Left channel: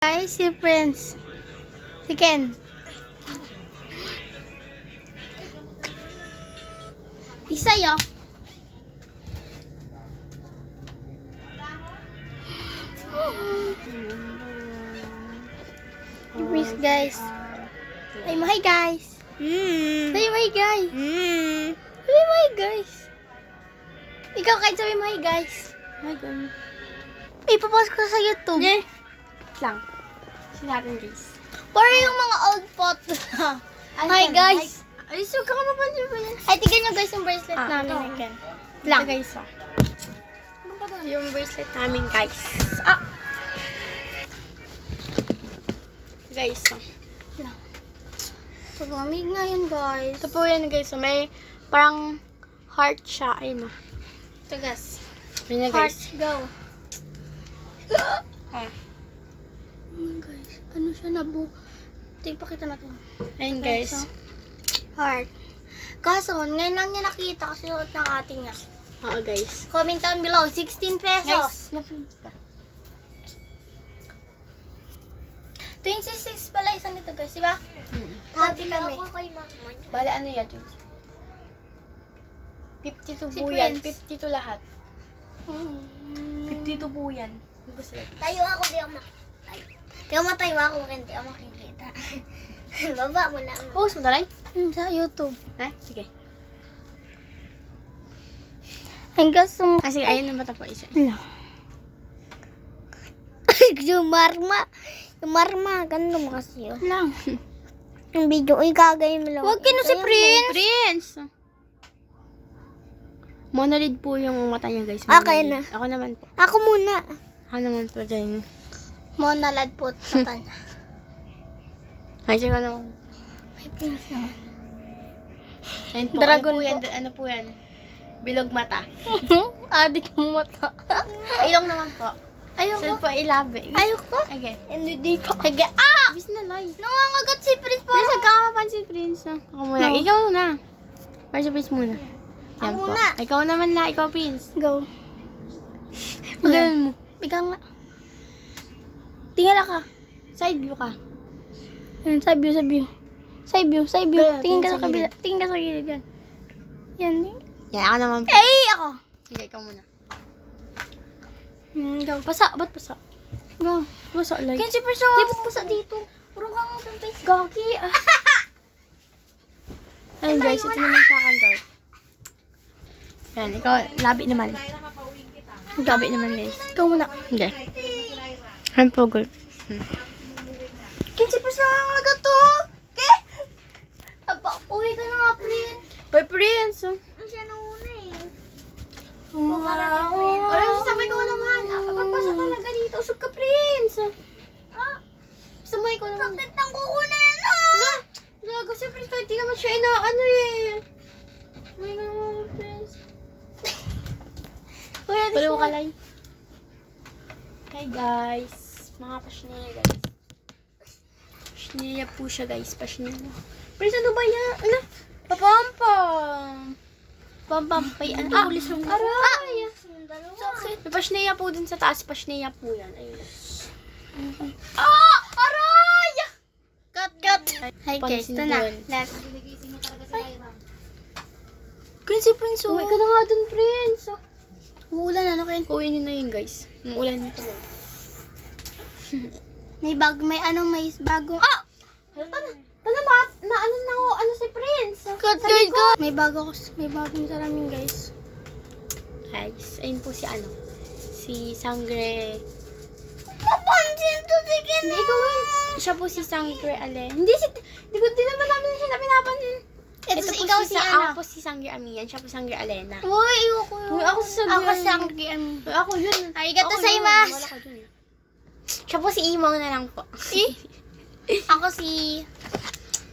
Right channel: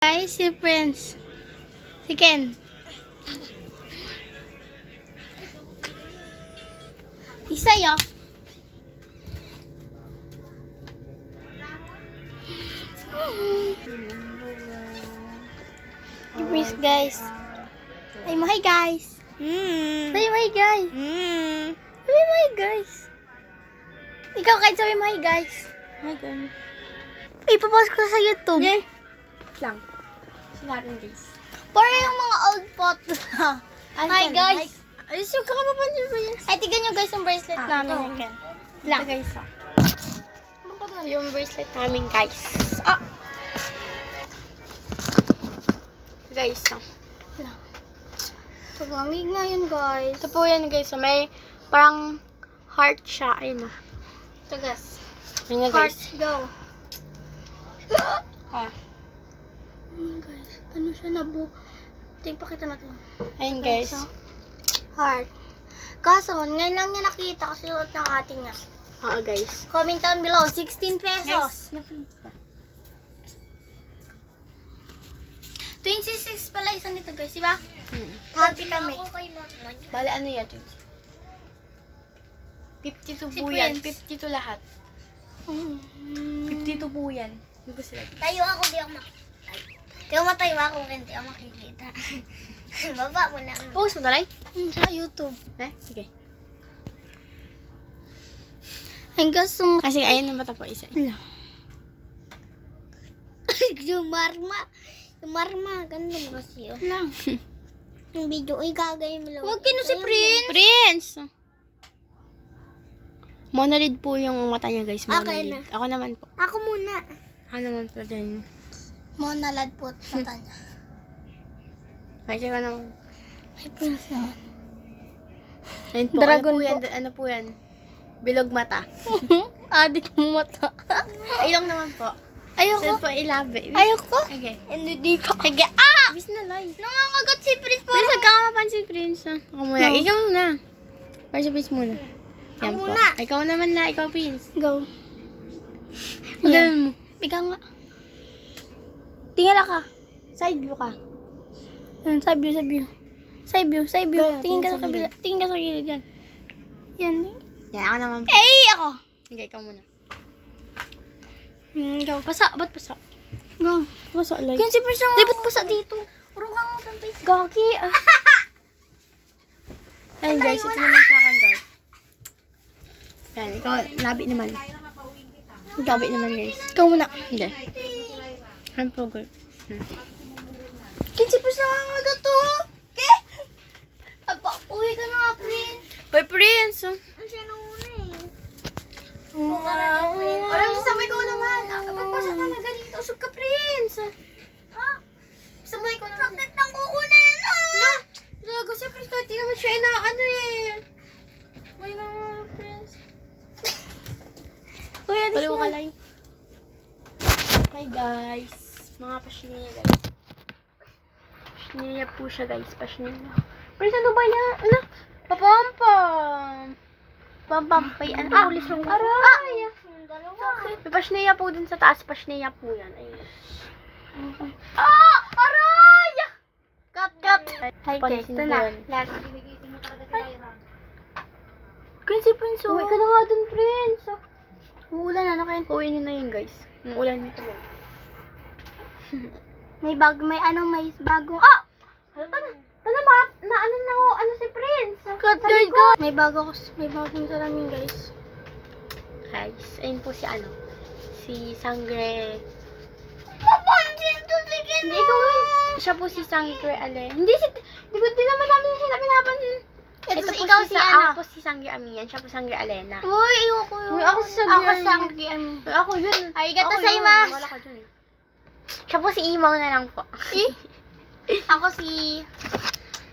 Guys, si Prince. Si Ken. Isa yo. Si Prince, guys. Ay, mahay, guys. Ay, mahay, guys. Ay, mahay, guys. Ikaw, kahit sabi mahay, guys. Mahay, guys. Ipapasok ko sa YouTube. Yeah. Lang. Sinabi guys. Para yung mga old photo. Hi guys. Ay, so ka mapansin mo yan. Ay, tignan nyo guys yung bracelet namin. ito. Again. Lang. Guys, yung bracelet namin, guys. Ah! Guys, Lang. So, lamig na yun guys. ito po yan, guys. So, may parang heart siya. Ayun, no. Tagas. Ayun na, Heart, guys. go. Ah. Guys, ano siya nabu... Pakita natin. Ayun, guys. Heart. Kaso, ngayon lang niya nakita kasi suot ng ating nga. Oo, guys. Comment down below, 16 pesos. Guys, 26 pala isang nito guys, di ba? Happy kami. Bale, ano yan? 52 Si po yan. Prince. 52 lahat. 52 po yan. Tayo ako, di ako makikita. Di ako matayo ako, hindi ako makikita. Baba mo na. Post mo na lang? Sa YouTube. Sige. Hanggang sung... Kasi ayun na mata po isa. yung marma, ganun mo kasi yun. Lang. Yung video, uy, gagawin mo lang. Huwag kino si Prince. Prince! Monolid po yung mata niya, guys. Okay Monolid. Ako naman po. Ako muna. Ako naman po dyan. Monalad po mata niya. Ay, siya ka naman. Ay, Prince na. Ayun po. Dragon ano po yan? po. Ano po yan? Bilog mata. Adik mo mata. Ilong naman po. Ayoko. Saan po ilabi? Ayoko. Okay. Hindi ko. Sige, ah! Bis na lang. Nangangagat si Prince po. Pero nagkakapansin, Prince. Ako muna. No. Ikaw na. Para sa Prince muna. Ako Yan po. muna. Ikaw naman na. Ikaw, Prince. Go. Magalan mo. Ikaw nga. Tingala ka. Side view ka. Yan, side view, side view. Side view, side view. Tingin Tingin ka sa sa kabila. Tingin ka sa gilid yan. Yan. Yan, ako naman po. Ay, ako. Sige, ikaw muna. Go. Pasa. Ba't pasa? Go. Pasa, like. Yan si Prince. Di, ba't pa sa dito? Puro ka nga ng face. Gagi. Ayun, guys. Ito naman sa akin, guys. Yan, ikaw. Labi naman. Labi naman, guys. Ikaw muna. Hindi. Yan po, guys. Kinsi pa siya nga gato. Eh? Aba, uwi ka nga, Prince. Bye, Prince. Ano siya na una eh? Wow. Parang sasabay ko naman. Pagpasok talaga dito. Usog ka, Prince. Ah, Sasabay ko naman. sakit ng kuko na yan ah. Lago siya, Prince. Kahit di naman siya inaano eh. Ay, na, Prince. Kuya, di Palo ka siya. lang. Hi, guys. Mga pasniya, guys. Pasniya po siya, guys. Pasniya. Prince, ano ba yan? Ano? Papampam. Pampampay. Ano? Ulis lang. Aray! Yung dalawa. Sakit. May pasniya po dun sa taas. Pasniya po yan. Ayun. Ah! Aray! Cut, cut. Hi guys, Pansin ito ko na. yun. Last. Prince, Prince. Uwi ka na nga dun, Prince. Uulan na kayo. Uwi niyo na yun, guys. Yung ulan nito. May bagong... Ah! Ano si Prince? Cut, guys. May bagong salamin, guys. Guys, ayun po si ano. Si Sangre. Papansin to si Ken. Hindi, ikaw rin. Siya po si Sangre Ale. Hindi naman namin siya pinapan. Ito si ikaw si ano. Ako po si Sangre Amian. Siya po Sangre Alena. Uy, ayoko yun. Uy, ako si Sangre Ako si Alena. Sangre Alena. Uy, ako yun. Arigato Ako gozaimasu. yun. Wala ka dun eh. Siya po si Imaw na lang po. Ako si...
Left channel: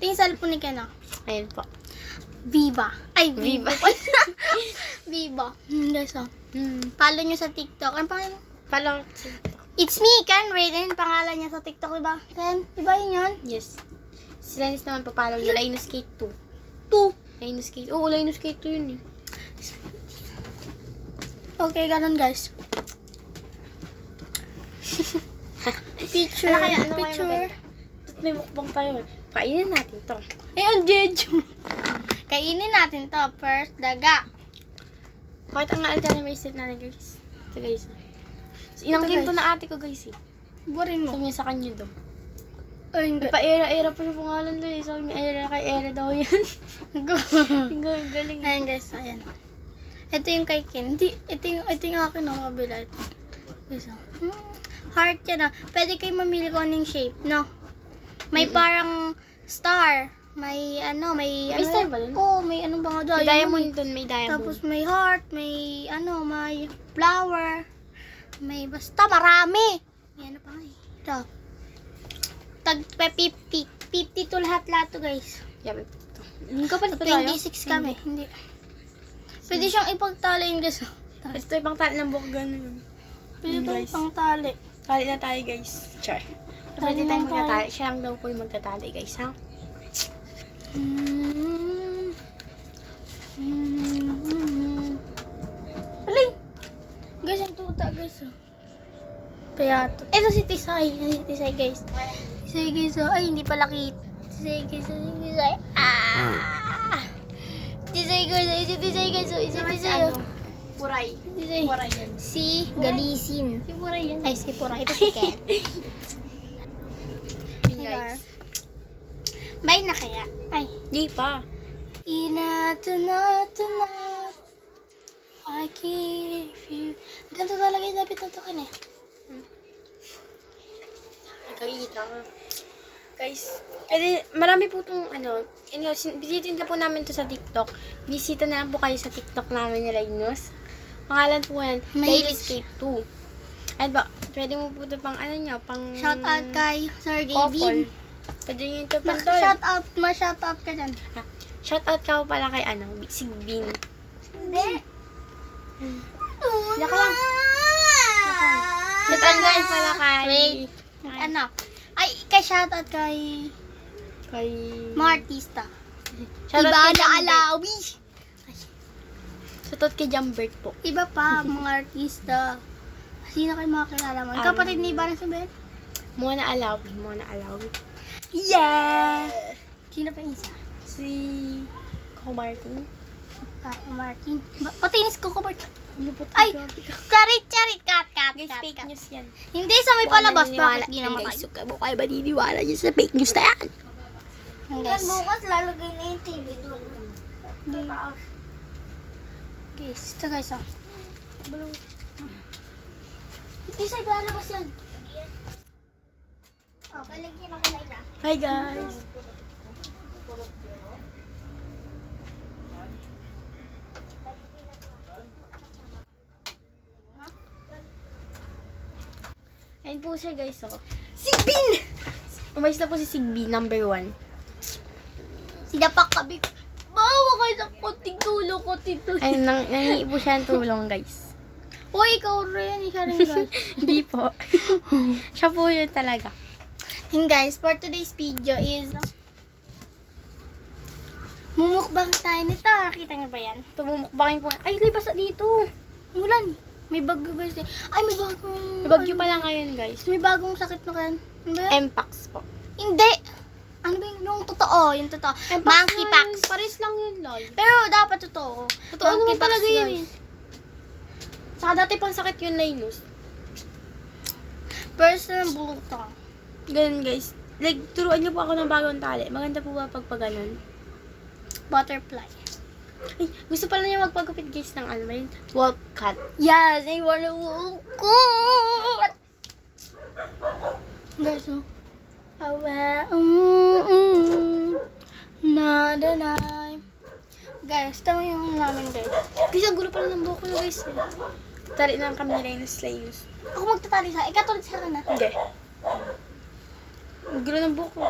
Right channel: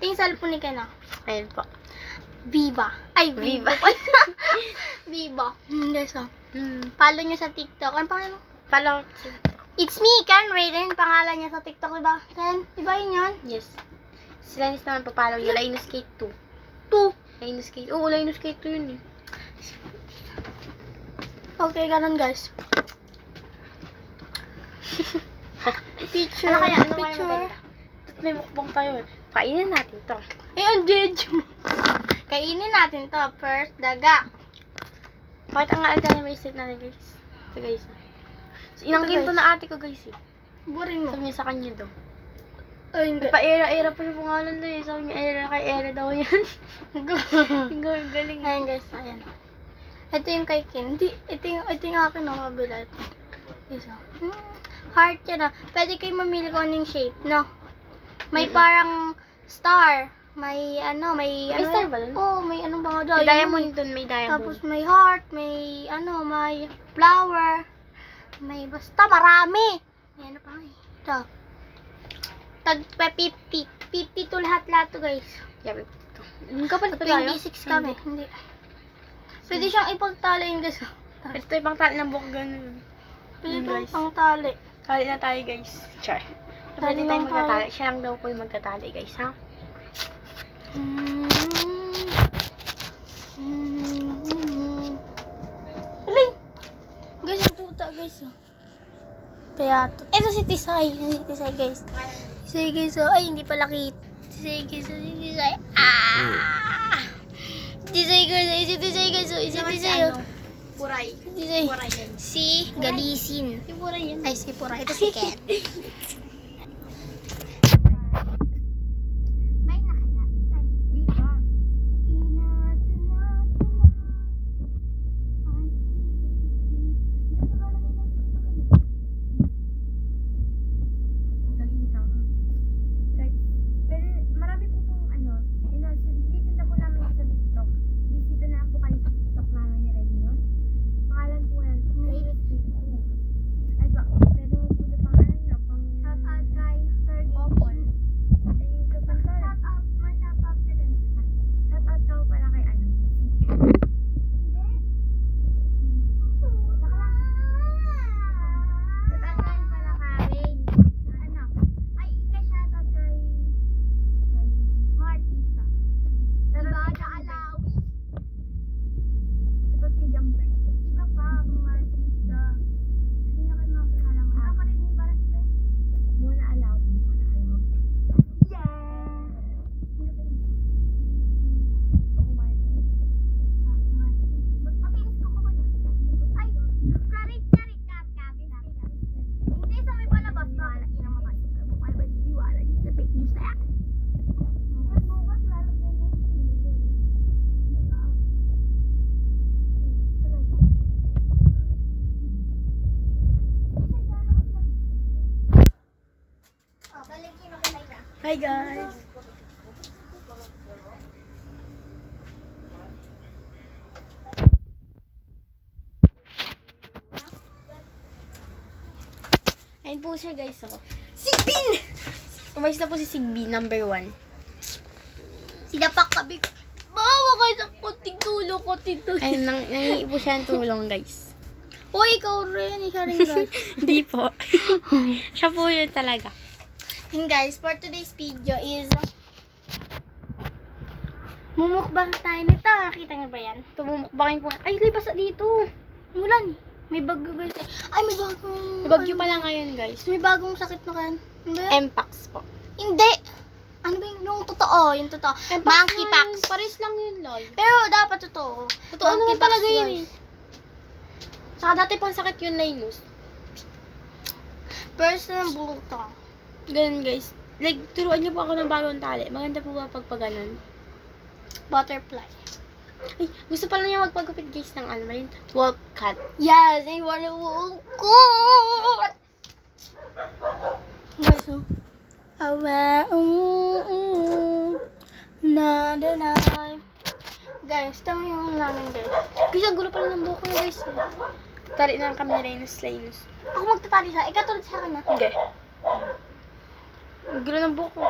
Tingin sa cellphone ni Ken ah. Ayun po. Viva. Ay, Viva. Viva. Viva. Guys ah. Hmm. Follow nyo sa TikTok. Ano pangalan mo? Pala. It's me, Ken Raiden. Pangalan niya sa TikTok, diba? Ken, diba yun yun? Yes. Si Lenny naman papalaw niya. Linus Skate 2. 2. Linus Skate. Oo, Linus Skate 2 yun eh. Okay, ganun guys. Picture. Ano kaya? Ano kaya Picture. maganda? May mukbang pa yun. Kainin natin to. Eh, ang jeju. Kainin natin to. First, daga. Bakit ang alta na may set natin, guys? Ito, guys. So, inangkin to na ate ko, guys, eh. Burin mo. Sabi niya sa kanya daw. Ay, hindi. Pa-era-era pa yung pangalan doon, eh. Sabi niya, era kay era daw yan. Ang galing. Ayan guys, ayan. Ito yung kay Ken. Ito yung akin na mabilat. Isa. Heart yan ah. Pwede kayo mamili kung anong shape, no? May parang star. May ano, may star ba dun? Oo, may ano ba nga doon? May diamond doon, may diamond. Tapos may heart, may ano, may flower. May basta marami. May ano pa nga eh. Ito. Tag 50. 50 to lahat-lahat to guys. Yabi. Yung kapal pa tayo? 26 kami. Hindi. Pwede siyang ipagtaliin guys. Ito yung pang tali ng buhok ganun. Pwede Guys. itong pang tali. Tali na tayo, guys. Char. Pwede Tali tayo lang tayo. magtatali. Siya lang daw po yung magtatali, guys, ha? Aling! Guys, ang tuta guys. Oh. Kaya, ito si Tisay. Si Tisay guys. Tisay guys. Oh. Ay, hindi pala kit. Tisay guys. Oh. Si Tisay. Ah! Tisay guys. Si Tisay guys. Oh. Si Tisay. Oh. Puray. Tisay. Puray yan. Si Galisin. Si Puray yan. Ay, si Pura. Ito si Ken. Guys. Bye na kaya. Ay. Di pa. I give you. Ganito talaga yung dapat tutukin eh. Nagkakita ka. Guys, marami po itong bisitin po namin to sa TikTok. Bisita na lang po kayo sa TikTok namin ni Linus. Pangalan po yan, May- Daily Escape 2. At ba, pwede mo po ito pang pang... Shout out kay Sir couple. David. Pwede nyo ito pang tol. Shout out, ma-shout out ka dyan. Shout out ka po pala kay si Bean. Hindi. Laka lang. Shout out guys pala kay... Wait. Ano? Ay, kay shout out kay Kay... mga artista. Shout out Iba kay na Jambert. alawi. Shout out kay Jambert po. Iba pa, mga artista. Sino kayo mga kilala mo? Kapatid ni Ibarra sa Ben? Muna Alawi. Yeah! Sino pa yung isa? Si... Coco Martin. Ah, Martin. Patinis ko Martin. Ay! Charit! Cut! Guys, cut, fake cut. news yan. Hindi sa may palabas. Naniniwala Bakit di yan, naman guys. kayo? Huwag kayo kayo maniniwala dyan sa fake news na yan. Guys. Bukas lalagay na yung TV doon. Guys, ito guys oh. Isa ibalabas yan. Oh, baligyan ako na ila. Hi guys. Ayun po siya guys, oh. Sigbin! Umayos na po si Sigby, number 1. Sidapak kabig. Bawa kayo sa konting tulong. Ayun, nangingi po siya ng tulong guys. Uy, ikaw rin. Isa rin guys. Hindi po. Siya po yun talaga. And guys, for today's video is mumukbang tayo nito. Nakita niyo ba yan? Tumumukbangin po. Ay, libas na dito. Ulan. May bagyo guys. Ay, may bagong... May bagyo pala ngayon guys. May bagong sakit na kan. Mpox po. Hindi. Ano ba yung totoo? Yung totoo. Monkeypox. Paris lang yun, Loy. Pero dapat totoo. Totoo naman Monkeypox, talaga yun guys. eh. Saka dati pang sakit yun, Linus. Personal bulutong. Ganun guys. Like, turuan niyo po ako ng bagong tali. Maganda po ba pag ganun? Butterfly. Ay, gusto pala niya magpagupit guys ng ano ba yun? Wolf cut. Yes, I wanna walk. Guys, oh. Awe, nada na. Guys, tama yung namin guys. Guys, ang gulo pala ng buhok ko guys. Tali na kami ni Linus. Ako magtatali sa, ikatulad sa akin na. Hindi. Ang gulo ng buhok ko.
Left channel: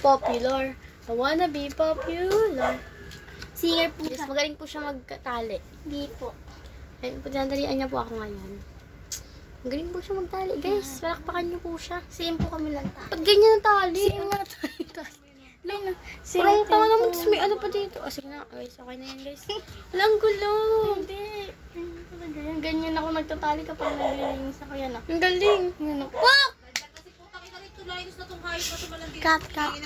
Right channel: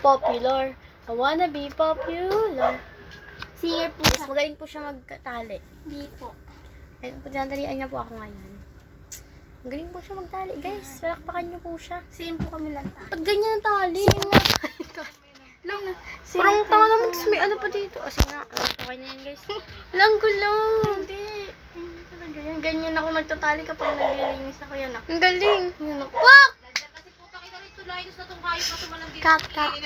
Popular. I wanna be popular. Singer po Guys, siya. magaling po siya magtali. Hindi po. Ay, pagdandalian niya po ako ngayon. Magaling po siya magtali. Guys, palakpakan niyo po siya. Same po kami lang. Pag ganyan ang tali. Lang. Parang tanga naman. Tapos may ano pa dito. O, sige nga. Okay na yan, guys. Walang gulo. Hindi. Hindi talaga yan. Ganyan ako nagtatali kapag naglilinis ako yan. Ang galing. Yan ako. Wak! Cut, cut.